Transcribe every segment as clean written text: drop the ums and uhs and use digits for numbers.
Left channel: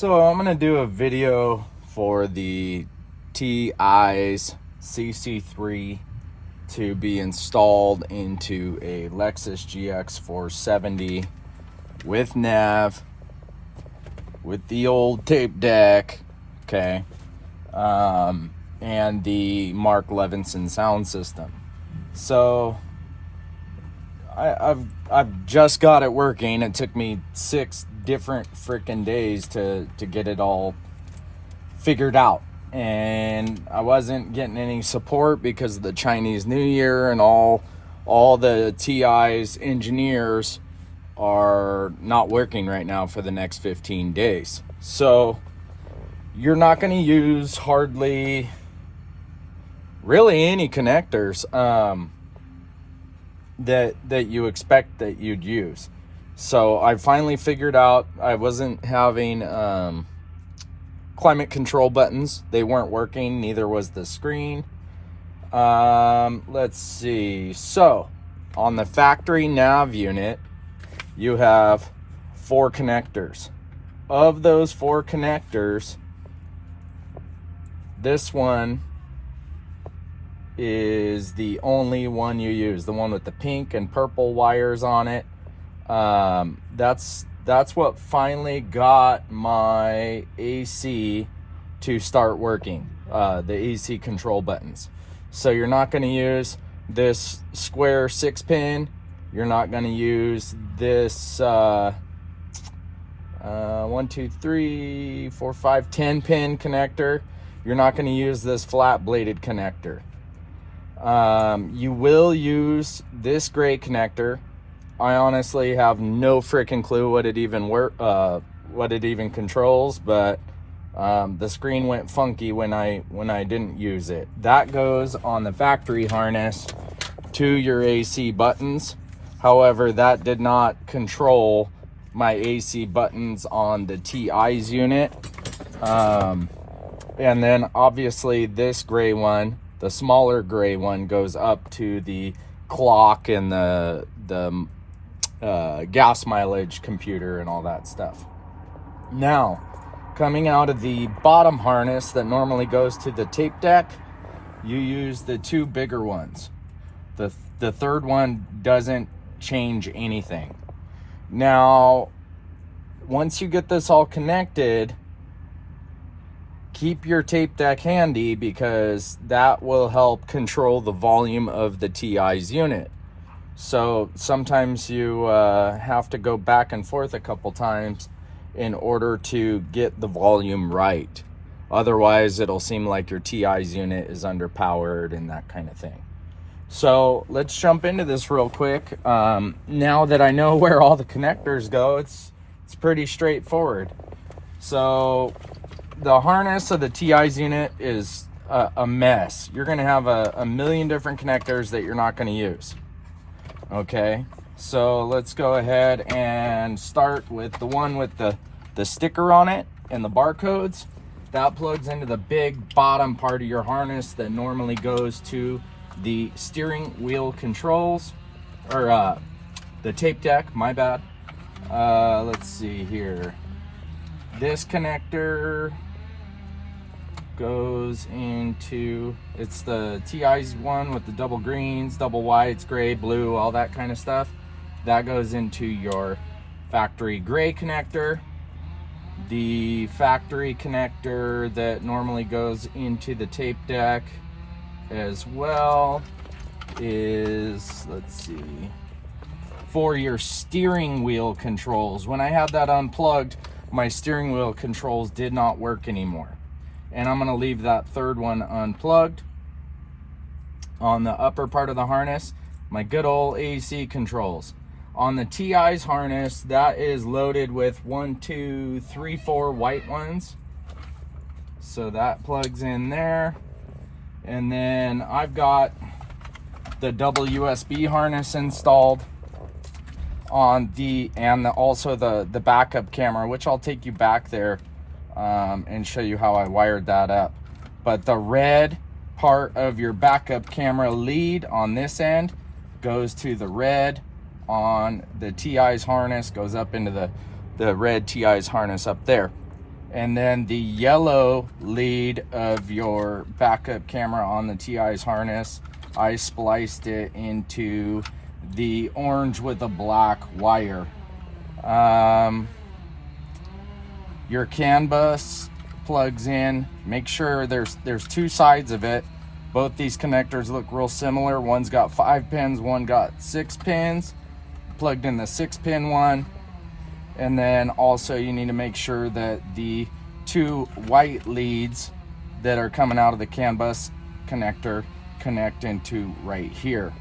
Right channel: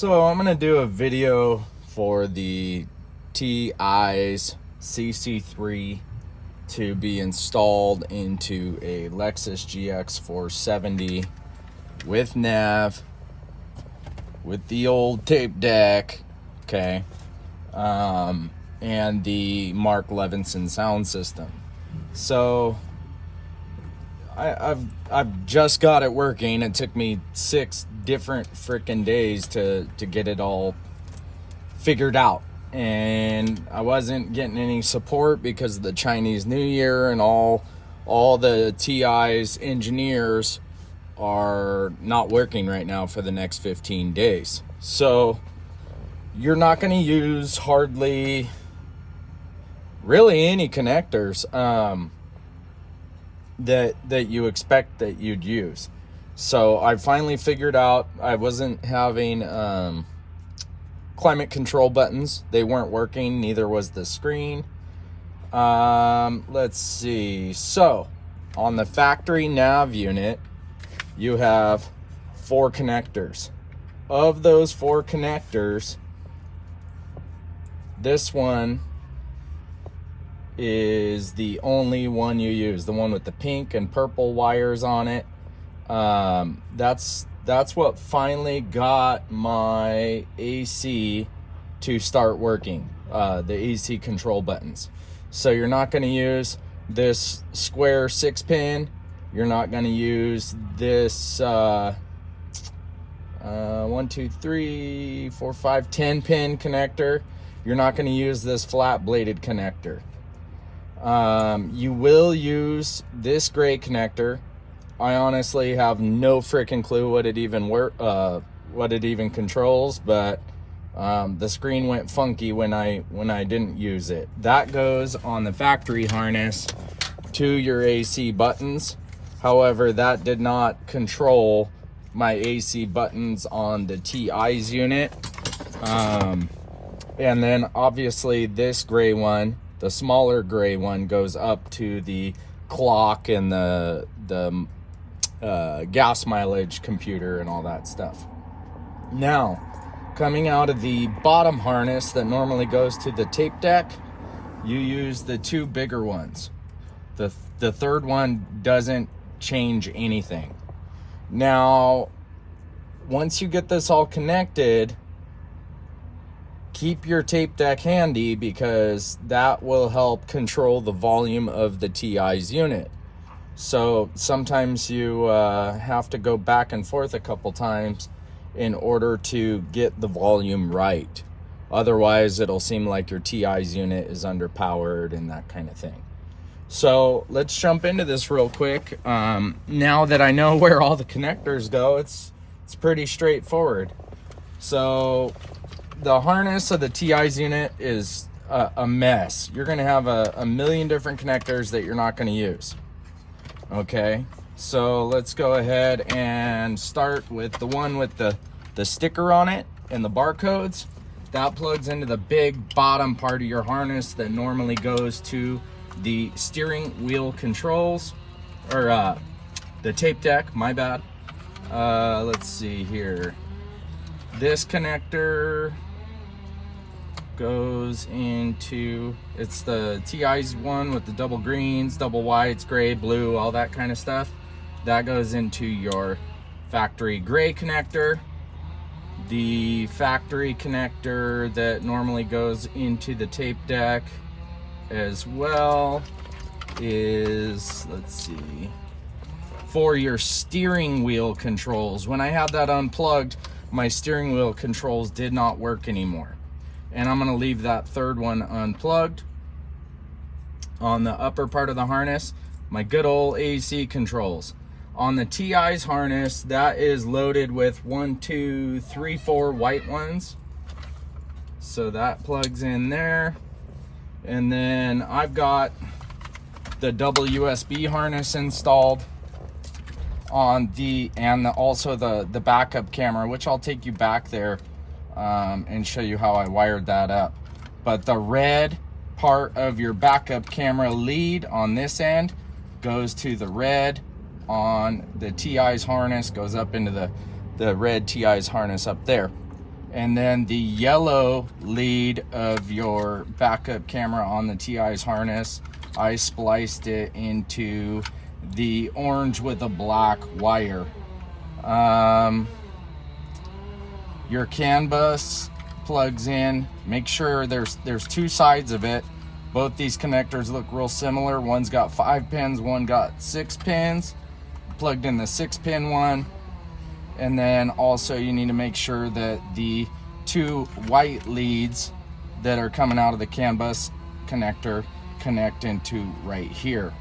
So I'm gonna do a video for the T'EYES CC3 to be installed into a Lexus gx470 with nav, with the old tape deck, okay, and the Mark Levinson sound system. So I've just got it working. It took me 6 different freaking days to get it all figured out, and I wasn't getting any support because of the Chinese New Year, and all the T'EYES engineers are not working right now for the next 15 days. So you're not going to use hardly really any connectors that you expect that you'd use. So I finally figured out I wasn't having climate control buttons. They weren't working, neither was the screen. Let's see. So on the factory nav unit, you have 4 connectors. Of those 4 connectors, this one is the only one you use, the one with the pink and purple wires on it. That's what finally got my AC to start working, the AC control buttons. So you're not going to use this square 6-pin. You're not going to use this 1, 2, 3, 4, 5, 10-pin connector. You're not going to use this flat bladed connector. You will use this gray connector. I honestly have no freaking clue what it even controls, but the screen went funky when I didn't use it. That goes on the factory harness to your AC buttons. However, that did not control my AC buttons on the T'EYES unit. And then obviously this gray one, the smaller gray one, goes up to the clock and the gas mileage computer and all that stuff. Now, coming out of the bottom harness that normally goes to the tape deck, you use the 2 bigger ones. The third one doesn't change anything. Now, once you get this all connected, keep your tape deck handy, because that will help control the volume of the T'EYES unit. So sometimes you have to go back and forth a couple times in order to get the volume right. Otherwise, it'll seem like your T'EYES unit is underpowered and that kind of thing. So let's jump into this real quick. Now that I know where all the connectors go, it's pretty straightforward. So the harness of the T'EYES unit is a mess. You're going to have a million different connectors that you're not going to use. Okay, so let's go ahead and start with the one with the sticker on it and the barcodes. That plugs into the big bottom part of your harness that normally goes to the steering wheel controls, or the tape deck, my bad. Let's see here. This connector goes into, it's the T'EYES one with the double greens, double whites, gray, blue, all that kind of stuff. That goes into your factory gray connector. The factory connector that normally goes into the tape deck as well is, let's see, for your steering wheel controls. When I had that unplugged, my steering wheel controls did not work anymore. And I'm gonna leave that third one unplugged. On the upper part of the harness, my good old AC controls. On the T'EYES harness, that is loaded with 1, 2, 3, 4 white ones. So that plugs in there. And then I've got the double USB harness installed on also the backup camera, which I'll take you back there and show you how I wired that up. But the red part of your backup camera lead on this end goes to the red on the T'EYES harness, goes up into the red T'EYES harness up there. And then the yellow lead of your backup camera on the T'EYES harness, I spliced it into the orange with a black wire. Your CAN bus plugs in. Make sure there's two sides of it. Both these connectors look real similar. One's got 5 pins, one got 6 pins. Plugged in the 6-pin one. And then also you need to make sure that the 2 white leads that are coming out of the CAN bus connector connect into right here.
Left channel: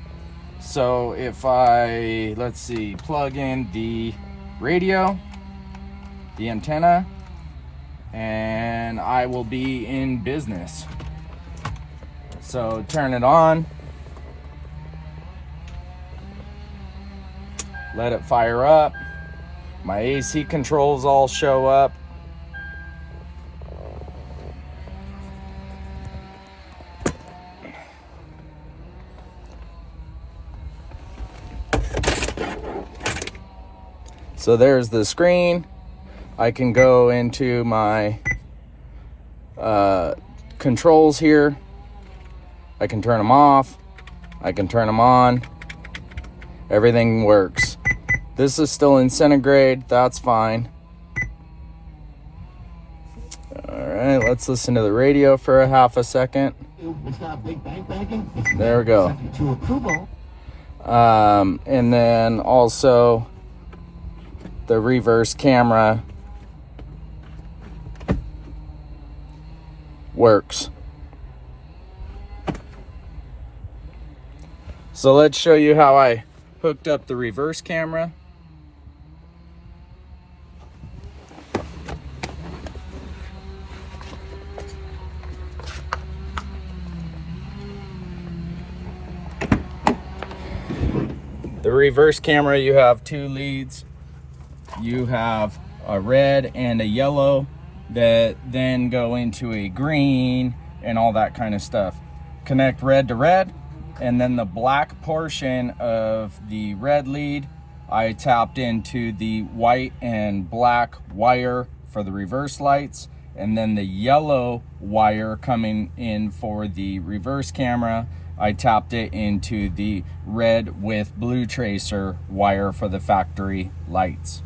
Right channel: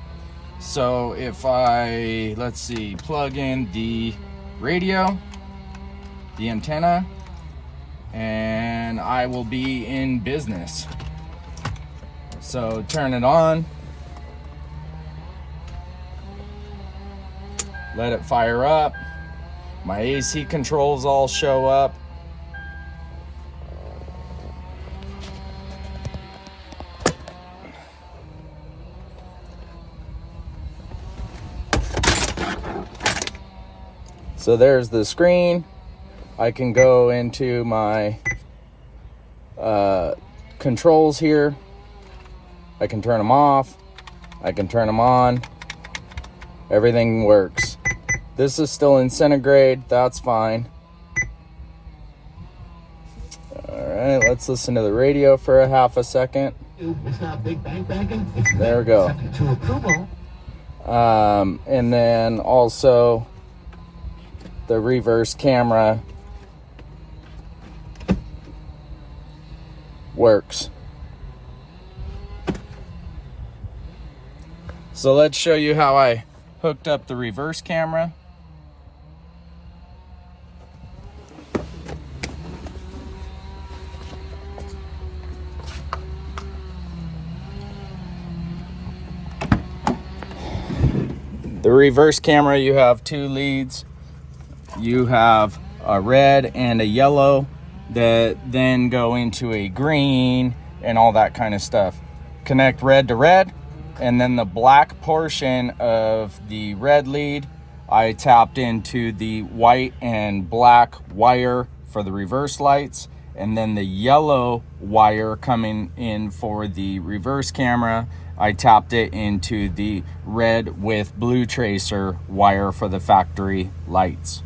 So if I, let's see, plug in the radio, the antenna, and I will be in business. So turn it on, let it fire up. My AC controls all show up. So there's the screen. I can go into my controls here. I can turn them off. I can turn them on. Everything works. This is still in centigrade. That's fine. All right, let's listen to the radio for a half a second. It's not big bang banging. There we go. To approval. And then also the reverse camera works. So let's show you how I hooked up the reverse camera. The reverse camera, you have 2 leads. You have a red and a yellow that then go into a green and all that kind of stuff. Connect red to red, and then the black portion of the red lead, I tapped into the white and black wire for the reverse lights, and then the yellow wire coming in for the reverse camera, I tapped it into the red with blue tracer wire for the factory lights.